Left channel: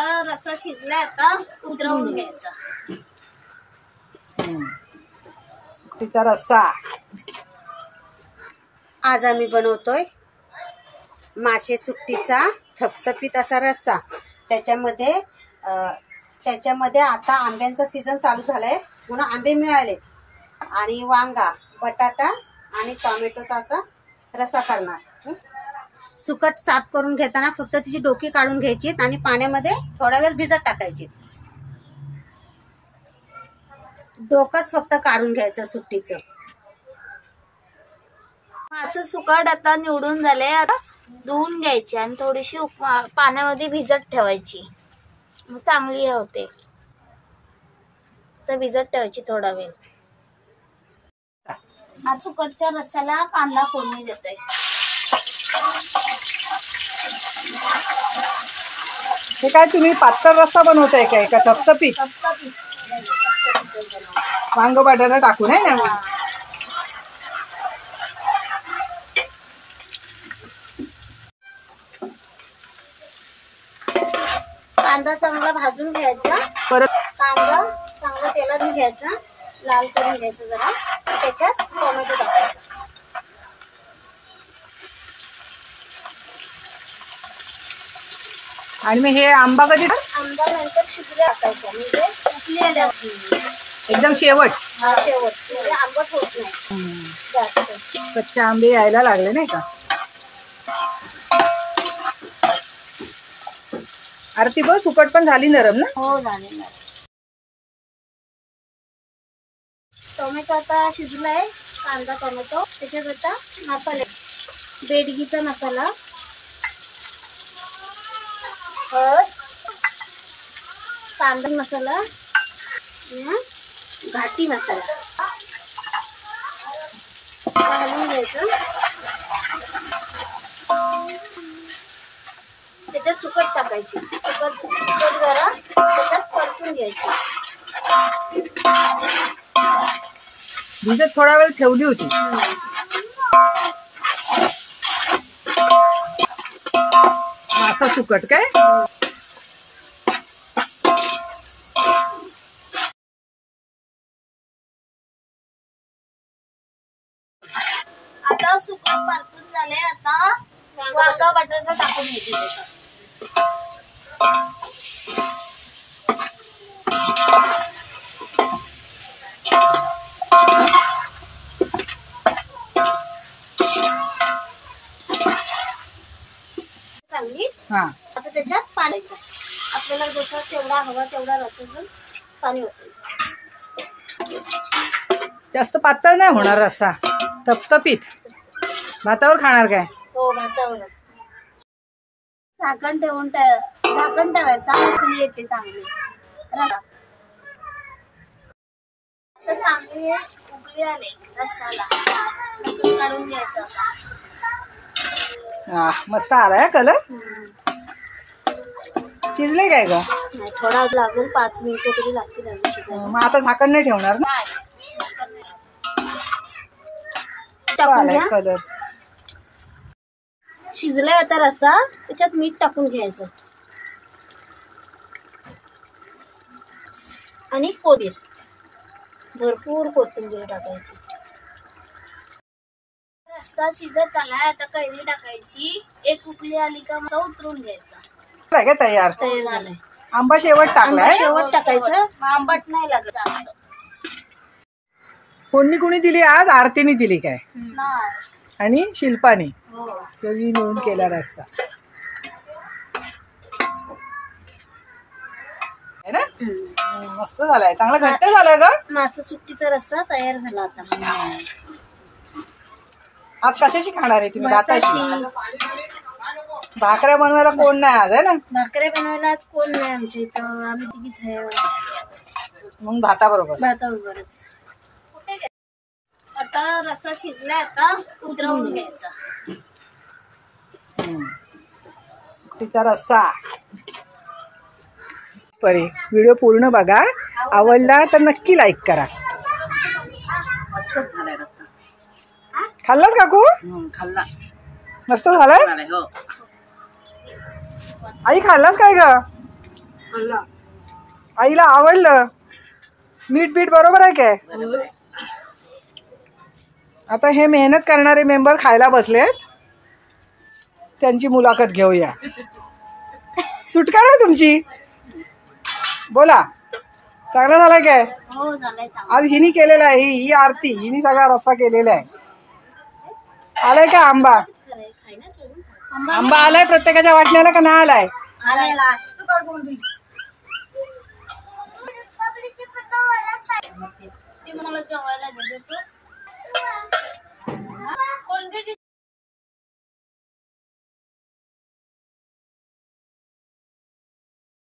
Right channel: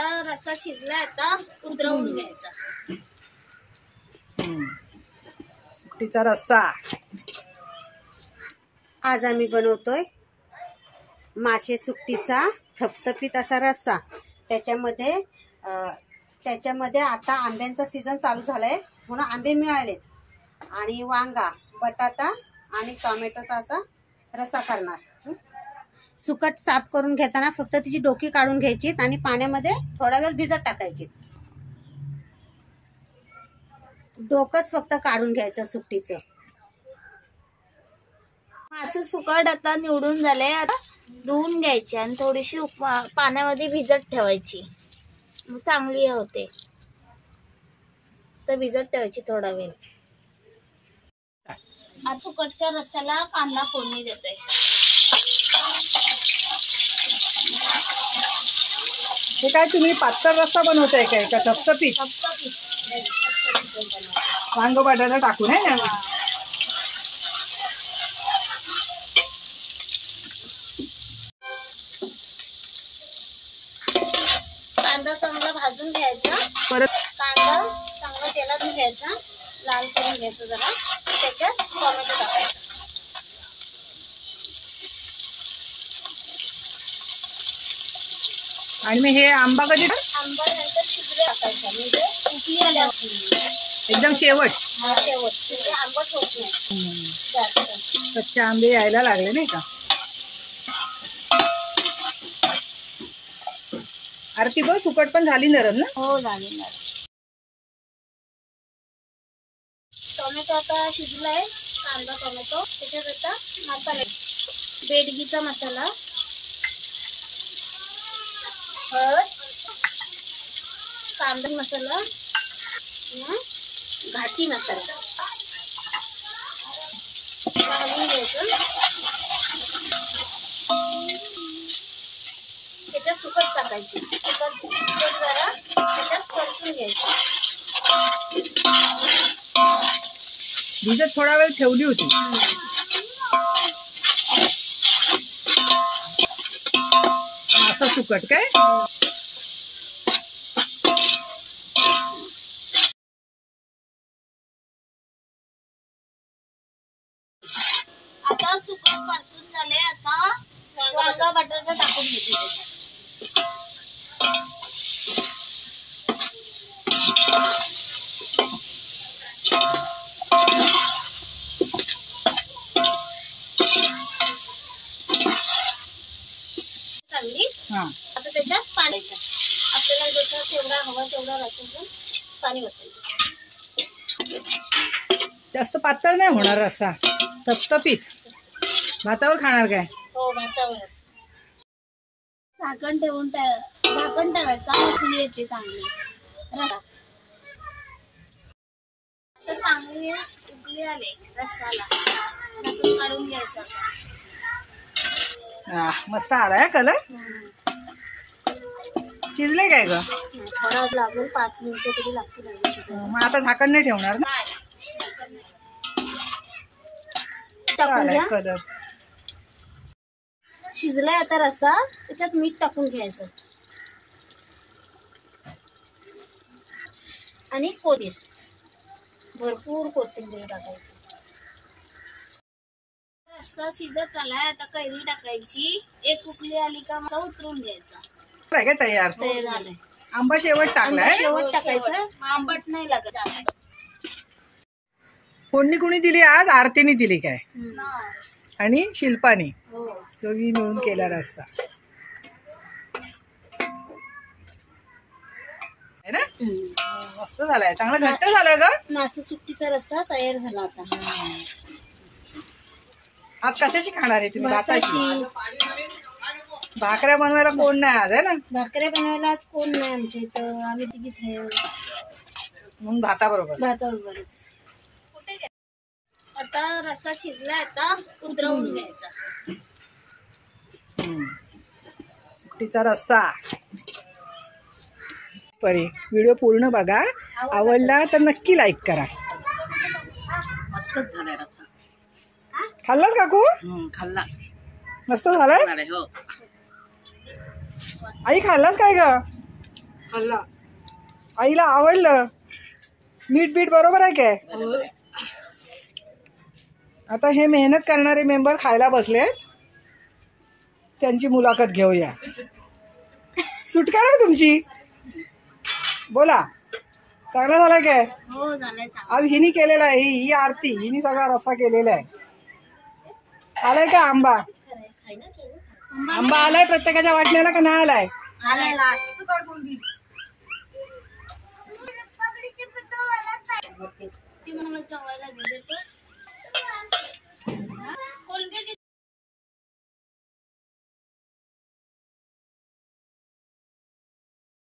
आता रस्सा शिजलाय, आता उतरवून घ्यायचा. सुकटीचा रस्सा आज आम्ही बनवतोय मासे सुकटीचा थपथपीत असा रस्सा. त्याच्यामध्ये आता आंब्यांचा सीझन चालू झालाय म्हणून आंबे मिळाले आणि वांगा, बटाटा आणि टोमॅटोचा असा रस्सा करणार. सुकट साफ करून घेताना फक्त तिची डोकी काढून घ्यायची आणि पाण्यामध्ये थोडा वेळ भिजत टाकायची. डोकंच फक्त काढून घ्यायचं सुकटीचं. असं सुकट आता निवडून झाले, आता धुवून घ्यायची आणि थोडीशी पाण्यामध्ये भिजत ठेवायची, मग चांगली होते. तर भिजत ठेवायची थोडा वेळ. आता सुकटच्या रस्स्याला कांदा फोडणी देतोय. हे काय तुम्ही पातळ रस्सा बनवताय काय का थपथपीत? वांग बटाटा टाकून आहे ना. कांदा चांगला भाजून घ्यायचा. परत कांदा चांगला तेलात घ्यायचा, लाल करून घ्यायचं जरा. त्याच्यात टोमॅटो टाकायचा. आणि मग हे आंबा कधी? आंबा नंतर शिजले टाकायचा, म्हणजे उकली आल्यावर एकदम शेवट. शेवट, म्हणजे आंबट होत नाही जास्त. कच्चे आंबे यायला लागले नाही का? आरती बघ, सुकट पण झाली नरम ना? हो झाली. टोमॅटो आता शिजलाय, कांदा टोमॅटो. त्याच्यात आता मसाले, बेडगीचा मसाला, हळद, कांदा मसाला, घाटी मसाला घालून घ्यायचं. त्याच्यात सुकट टाकायची. सुकट जरा त्याच्यात परतून घ्यायची. भिजत थोडा वेळ ठेवली होती. असा सुकट काय? आता सुकट परतून झाले. आता वांगा बटाटा टाकून घ्यायचे. चांगली. आता त्याच्यात पाणी, आपल्याला जसं तेवढा हवा तेवढा रस्सा पाणी ओतायचं. जास्त पातळ नाही होणार रस्सा, थपथपीत. भातावर खाणार काय? हो, भातावरच. झाकण ठेवायचा, उकळी येते चांगली. आता चांगली उकळी आले रस्स्याला, काढून घ्यायचं. मस्त आलाय कलर. शिजले काय ग? थोडा लागून 5 मिनिटं तरी लागतील. मग आता झाकण नाही ठेवणार ना? कलर शिजलाय आता रस्सा. त्याच्यात मीठ टाकून घ्यायचं आणि कोथिंबीर, भरपूर कोथिंबीर टाकायची. रस्सा शिजत आलाय, आता कैरी टाकायची. एक उकळी आली का मग उतरून घ्यायचा. काय तयार झालंय. आंबा शेवट टाकलाय. शेवट टाकायचं, आंबट नाही लागत. फोडणी कोणी दिली आज? आरतीने दिली काय? आणि शिल्पाने दोघी मिळून केला रस्सा है ना. मस्त झालाय, चांगला घट्ट झालाय ग. मासा सुकटीचा रस्सा तयार झाला. आता आज कशाशी खाणार आहे तुम्ही? भाताशी. भाकऱ्या बनवायला कोण नाही आज आहे ना? भाकऱ्या बनवायला आज कोण नाही आमच्या इथं, आम्ही तिघीच आहे. मग भाताबरोबरच. आता रस्सा शिजलाय, आता उतरवून घ्यायचा. सुकटीचा रस्सा. परी व्हिडिओ पूर्ण बघा, आवडला तर नक्की लाईक करा. मस्तच झालाय रस्सा. खाल्लास काकू? खाल्ला. मस्त झालाय. हो. आई खाल्लास काय ग? आईला आवडलं. मीठ बीठ बरोबर आहे काय? आता हे मेहनत करणारे मेंबर खायला बसलेत, त्यांची मुलाखत घेऊया. सुटका ना तुमची, बोला. चांगला झालाय काय? हो झालंय. आज हिनी केलेला आहे. ही आरती हिनी सगळा रस्सा केलेला आहे. आलाय का आंबा? आंबा आलाय प्रत्येकाच्या वाटण्याला का नाही आलाय? आलेला ती मला जेवायला देते.